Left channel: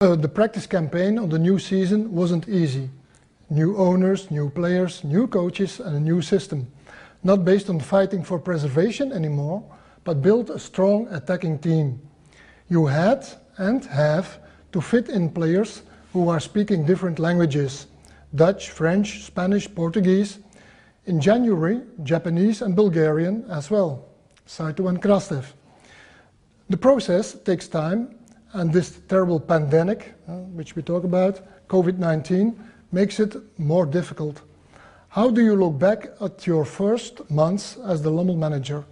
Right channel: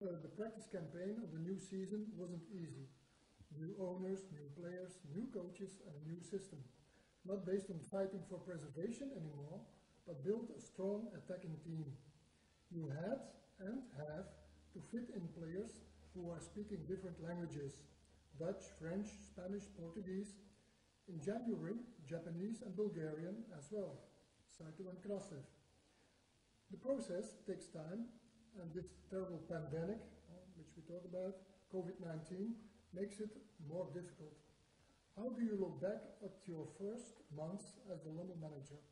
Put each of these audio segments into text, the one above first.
The practice campaign on the new season wasn't easy. New owners, new players, new coaches and a new system. Not based on fighting for preservation anymore, but build a strong attacking team. You had and have to fit in players who are speaking different languages. Dutch, French, Spanish, Portuguese. In January, Japanese and Bulgarian as well. Saito and Krastev. The process takes time, and this terrible pandemic, which we talk about, COVID-19, makes it more difficult. How do you look back at your first months as the Lommel manager?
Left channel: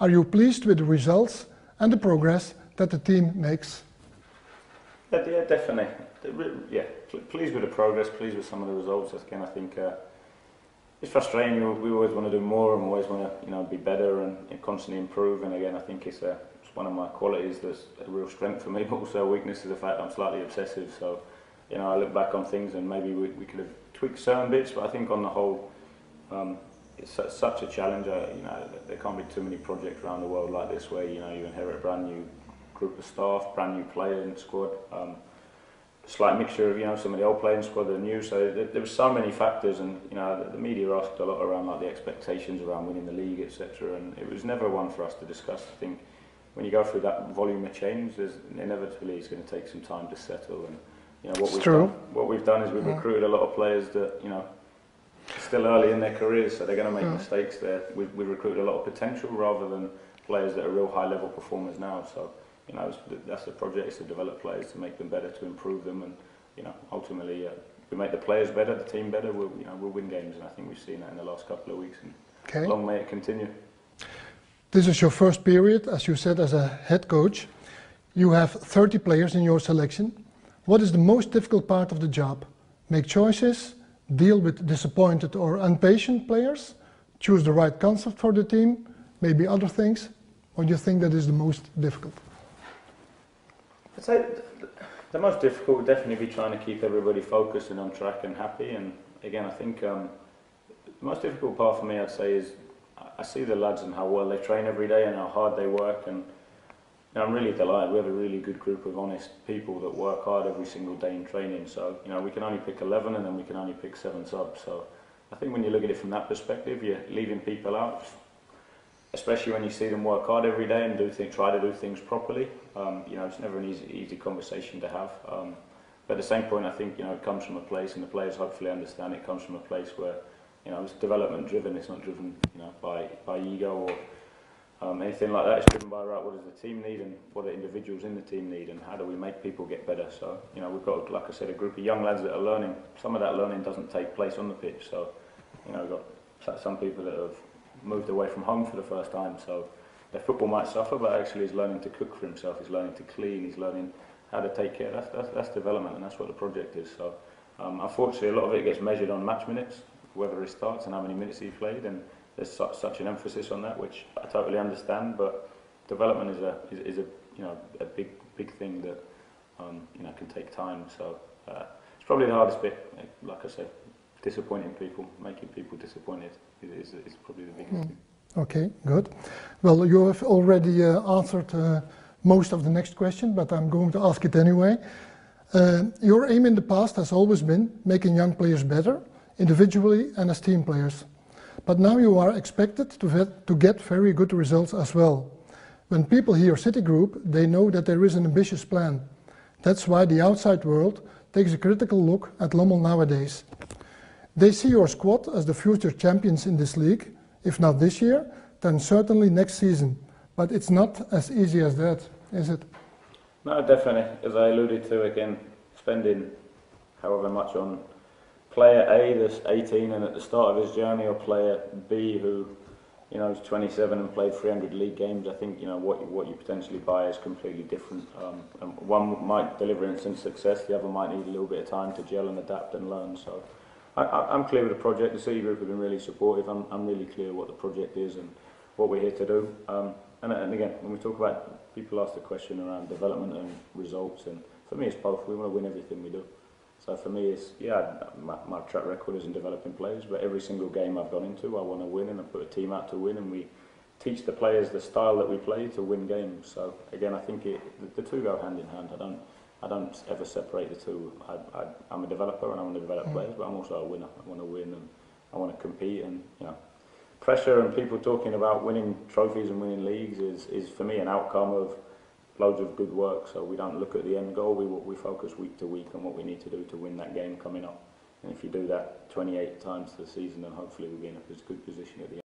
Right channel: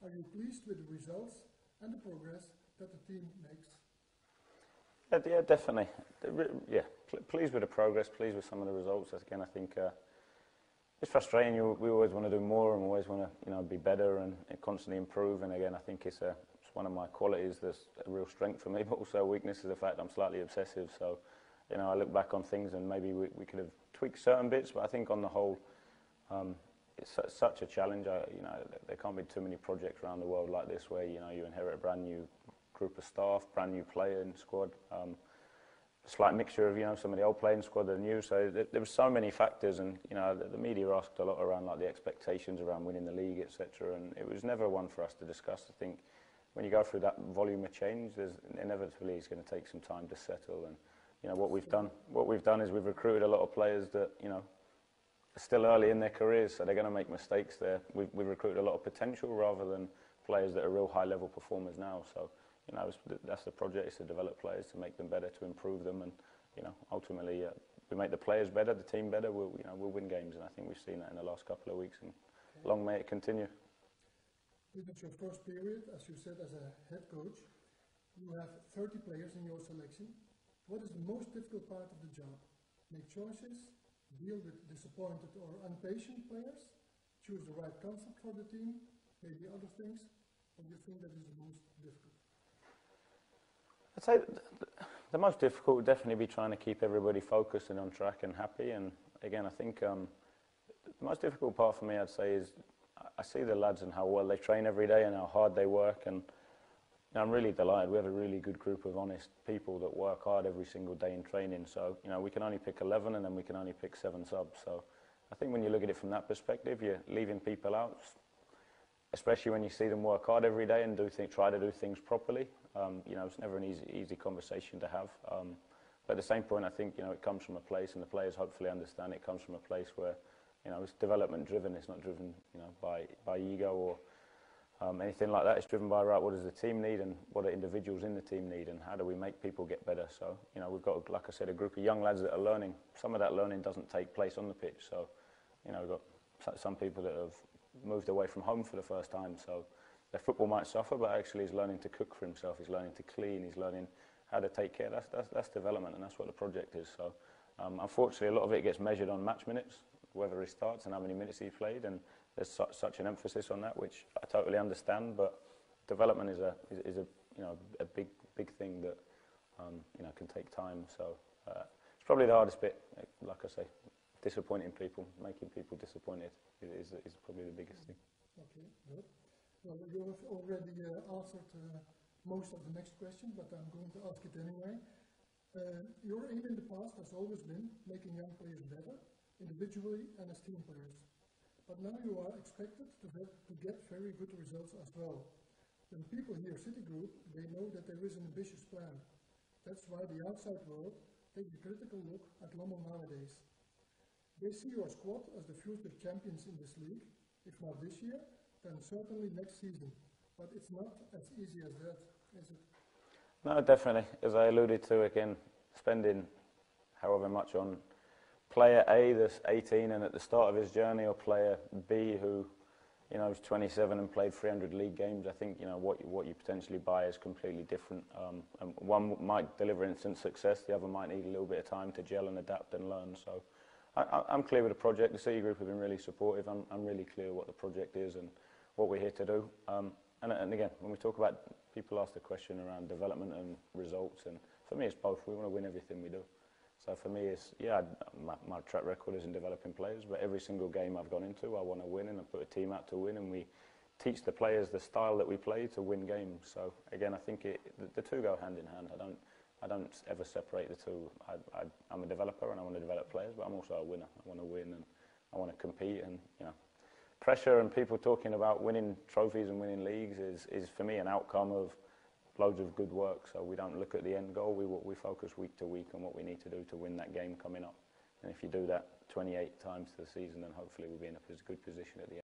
Are you pleased with the results and the progress that the team makes? Yeah, definitely. Yeah, pleased with the progress, pleased with some of the results. Again, I think it's frustrating. We always want to do more and always want to, be better and constantly improve. And again, I think it's one of my qualities that's a real strength for me, but also a weakness is the fact I'm slightly obsessive. So, I look back on things and maybe we could have tweaked certain bits, but I think on the whole, it's such a challenge. There can't be too many projects around the world like this where, you inherit a brand new group of staff, brand new player in the squad. Slight mixture of, some of the old players in the squad that are new. So there were so many factors, and, the media asked a lot around like the expectations around winning the league, etc. And it was never one for us to discuss. I think when you go through that volume of change, there's inevitably it's going to take some time to settle. And what we've done is we've recruited a lot of players that still early in their careers, so they're going to make mistakes there. We've recruited a lot of potential rather than players that are real high level performers now. So that's the project, is to develop players, to make them better, to improve them, and ultimately we make the players better, the team better. We'll win games, and I think we've seen that in the last couple of weeks. And long may it continue. This is your first period, as you said, as a head coach. You have 30 players in your selection. What is the most difficult part of the job? Make choices, deal with disappointed or impatient players, choose the right concept for the team, maybe other things? Or do you think that is the most difficult? I'd say the most difficult would definitely be trying to keep everybody focused and on track and happy. And again, I think the most difficult part for me, I'd say, is I see the lads and how well they train every day and how hard they work. And I'm really delighted. We have a really good group of honest people that work hard every single day in training. So, we can only pick 11 and then we can only pick 7 subs. So I think when you look at it from that perspective, you're leaving people out, especially when you see them work hard every day and try to do things properly. It's never an easy conversation to have. But at the same point, I think, it comes from a place, and the players hopefully understand it comes from a place where, it's development driven. It's not driven, by ego or anything like that. It's driven by, what does the team need and what do individuals in the team need and how do we make people get better. So, we've got, like I said, a group of young lads that are learning. Some of that learning doesn't take place on the pitch. So, we've got some people that have moved away from home for the first time. So their football might suffer, but actually he's learning to cook for himself. He's learning to clean. He's learning how to take care. That's development, and that's what the project is. So, unfortunately, a lot of it gets measured on match minutes, whether he starts and how many minutes he played, and there's such an emphasis on that, which I totally understand. But development is a big thing that can take time. So it's probably the hardest bit. Like I say, disappointing people, making people disappointed is probably the biggest thing. Okay, good. Well, you have already answered most of the next question, but I'm going to ask it anyway. Your aim in the past has always been making young players better, individually and as team players. But now you are expected to get very good results as well. When people hear Citigroup, they know that there is an ambitious plan. That's why the outside world takes a critical look at Lommel nowadays. They see your squad as the future champions in this league, if not this year, then certainly next season. But it's not as easy as that, is it? No, definitely. As I alluded to, again, spending however much on player A that's 18 and at the start of his journey, or player B who, is 27 and played 300 league games, I think, what you potentially buy is completely different. And one might deliver instant success, the other might need a little bit of time to gel and adapt and learn. So I'm clear with the project. The City Group have been really supportive. I'm really clear what the project is and what we're here to do. And again, when we talk about, people ask the question around development and results, and for me it's both. We want to win everything we do. So for me it's, my track record is in developing players, but every single game I've gone into I want to win, and I put a team out to win, and we teach the players the style that we play to win games. So again, I think the two go hand in hand. I don't ever separate the two. I'm a developer and I want to develop players, but I'm also a winner. I want to win and I want to compete, and pressure and people talking about winning trophies and winning leagues is for me an outcome of loads of good work. So we don't look at the end goal, we focus week to week on what we need to do to win that game coming up. And if you do that 28 times this season, then hopefully we'll be in a good position at the end.